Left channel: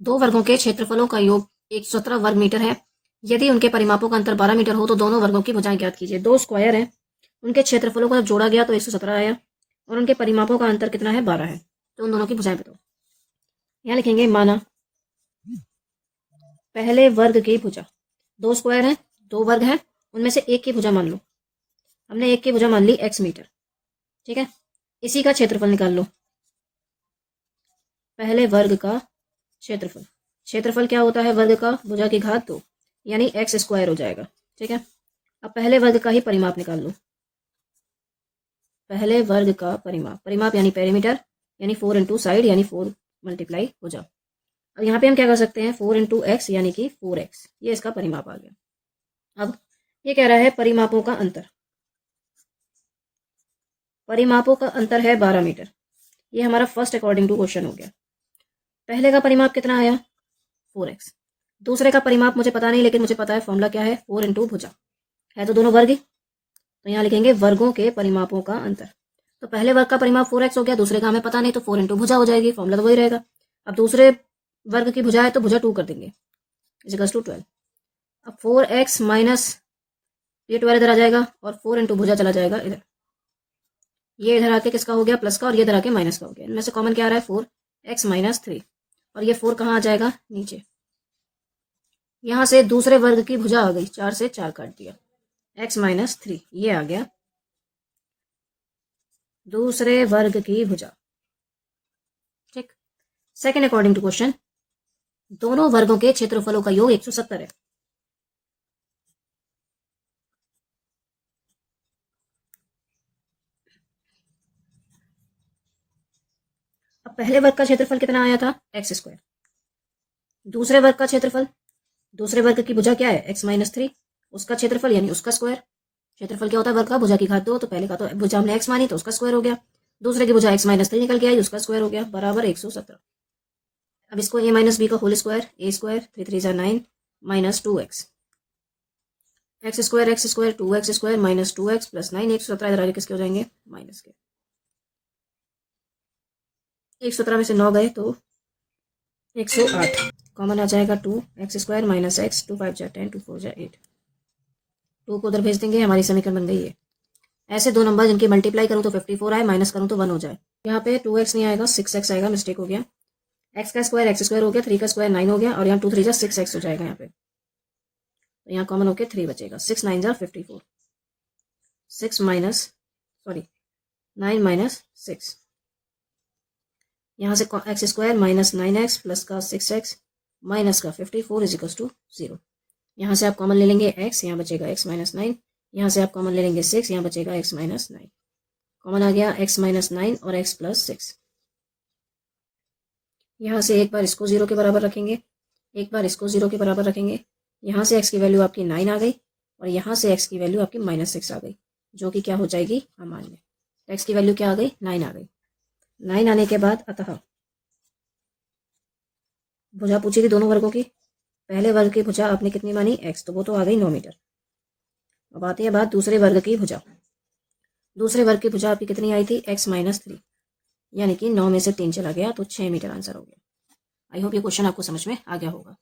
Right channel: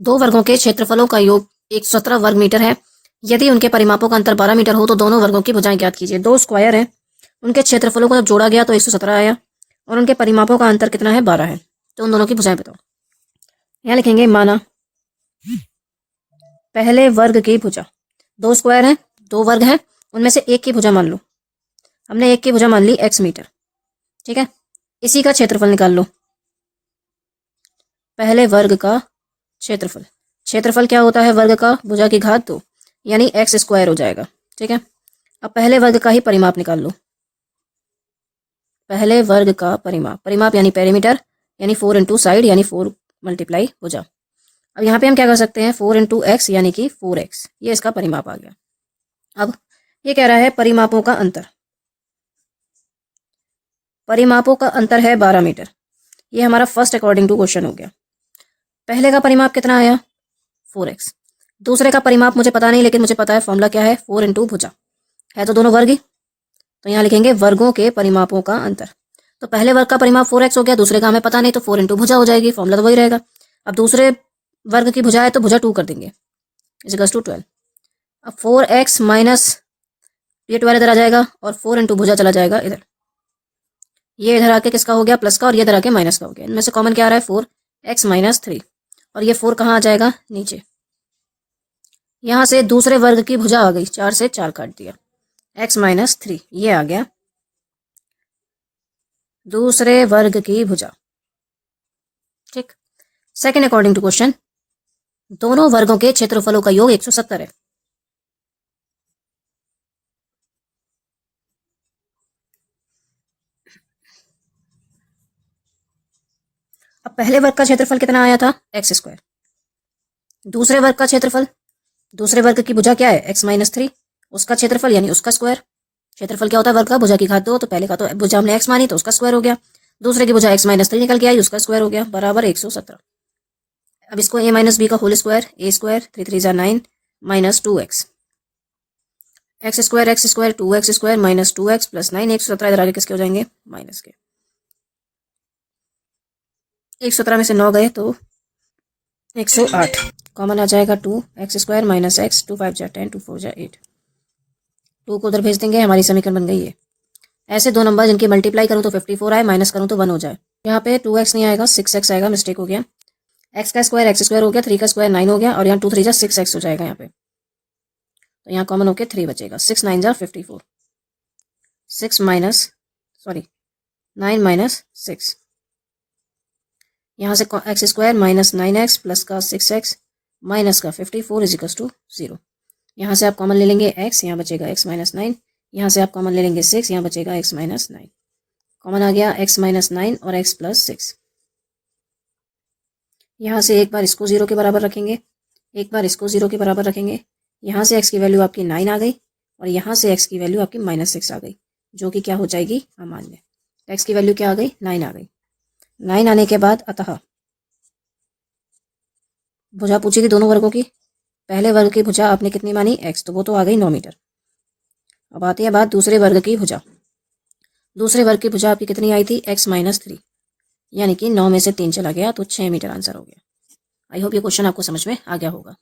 दो वर्गों के क्षेत्रफलों का योग 117 वर्ग मीटर है। यदि उनके परिमापों का अंतर 12 मीटर हो तो दोनों वर्गों की भुजाएं ज्ञात कीजिए। दो स्क्वायर हैं, उनके क्षेत्रफलों को जब जोड़ा गया तो 117 आया और उनके परिमापों का अंतर कितना है, 12 है। तो उन दोनों की भुजाएं बताओ। यहाँ लिखेंगे माना पहले वर्ग की भुजा, दो स्क्वायर हैं, दो वर्ग हैं, उनमें से एक की भुजा मान लो। हमने एक की भुजा मान ली x मीटर, ठीक है। इसी का क्षेत्रफल निकाल लो। पहले वर्ग का क्षेत्रफल, क्षेत्रफल क्या होता है, वर्ग का भुजा की घात 2 यानी x स्क्वायर हो जाएगा, ठीक है। अब पहले वर्ग का ही परिमाप निकाल लो। पहले वर्ग का परिमाप, परिमाप यानी पेरीमीटर यानी 4 इंटू साइड यानी 4 मल्टीप्लाई भुजा। अब यहाँ पे हम क्या कर सकते हैं, 4 इंटू एक्स यानी कि 4x, ये इसका परिमाप आ गया। अब ये कह रहा है परिमापों का अंतर, परिमापों का अंतर है 12 मीटर। ये हमारा फर्स्ट अकॉर्डिंग टू क्वेश्चन हो गया। पहले का परिमाप कितना आया, 4x। दूसरे का परिमाप मुझे पता नहीं, लेकिन मुझे पता है फॉर्मूला क्या है, 4 इंटू भुजा है, तो दोनों वर्ग ही। तो यहाँ लिखेंगे वर्गों के परिमापों का अंतर। तो पहले वर्ग का परिमाप 4x हो गया, दूसरे का हमें पता नहीं, तो 4 इंटू भुजा हो जाएगी, फॉर्मूला तो वही रहेगा। अब दूसरे वर्ग की भुजा है तो भुजा 2 कर देंगे, इज टू 12। अब 4x माइनस ये 12 इधर आ जाएगा और 4 इंटू भुजा चला जाएगा इधर। ये इधर आके किसका हो गया, प्लस का, और ये इधर आके माइनस का हो गया। इनमें से कॉमन क्या आ रहा है, 4x माइनस 3, और ये 4 कहाँ आ जाएगा, नीचे। यहाँ से दूसरे वर्ग की भुजा आ गई, 4 से 4 काट दिया, x माइनस 3 ये आ गया दूसरे वर्ग की भुजा, ठीक। सेकेंड अकॉर्डिंग टू क्वेश्चन, दोनों वर्गों के क्षेत्रफलों का योग 170 है। अब पहले वर्ग का क्षेत्रफल कितना आया था, एक्स स्क्वायर। दूसरे वर्ग का क्षेत्रफल, दूसरे वर्ग की भुजा क्या है, x माइनस 3, उसका क्षेत्रफल यानी उसका स्क्वायर। क्षेत्रफल क्या होता है, वर्ग का, भुजा की घात 2, तो पहले का तो भुजा हमने x मानी तो उसका स्क्वायर हो गया, दूसरे की भुजा x माइनस 3 निकल के आई, उसका स्क्वायर हो गया, बराबर 117। अब इसको a माइनस बी का होल स्क्वायर, a स्क्वायर 3 3 जा 9 minus 2x, x square 2x square minus 2x plus 9, 117 इधर आगे किसके हो जाएंगे, माइनस के। 117 में से 9 गए तो 108, कॉमन आ जाएगा 2x स्क्वायर माइनस x, 2 5 जा 10, 2 4 जा 8, 2 को उधर भेज देंगे, हमारी समीकरण बन गई है। ऐसे दो नंबर जिनकी मल्टीप्लाई करूँ तो 54 आए, माइनस करूँ तो 1 हो जाए। यहाँ पे 2x नहीं आएगा, 6x आएगा, मिस्टेक हो गया। x का स्क्वायर x स्क्वायर हो गया, 3 का स्क्वायर 9 हो गया, और यहाँ 2 3 जा 6x हो जाएगा यहाँ पे, तो यहाँ कॉमन होके 3 बचेगा, 6 9 जा 54, 6 माइनस 9 माइनस 6, यहाँ से x square minus 9x plus का 6x माइनस का 54 इज इक्वल टू 0। यहाँ से आप कॉमन ले लेंगे x, यहाँ बचेगा x माइनस 9, यहाँ से आप कॉमन ले लेंगे 6, यहाँ बचेगा x माइनस 9, कॉमन आ गया x माइनस 9 और x प्लस 6। यहाँ से एक बार इसको 0 के बराबर रखेंगे, एक बार इसको 0 के बराबर रखेंगे। यहाँ से x की वैल्यू आपकी 9 आ गई और यहाँ से x की वैल्यू आपकी माइनस 6 आ गई, जो कि क्या हो जाएगी, अमान्य। x की वैल्यू क्या आ गई, 9 आ गई। 9 आने के बाद अतः भुजा पूछी थी दोनों वर्गों की, पहले वर्ग की भुजा आपने कितनी मानी, x, तो वो तो आ गई 9 मीटर। अब आती है बात दूसरे वर्ग की भुजा। दूसरे वर्ग की भुजा आपकी कितनी आई थी, x माइनस 3, यानी कि 9 में से 3 चला गया तो 6 मीटर आंसर हो गया। आई होप ये क्वेश्चन आपको समझ में आ गया होगा।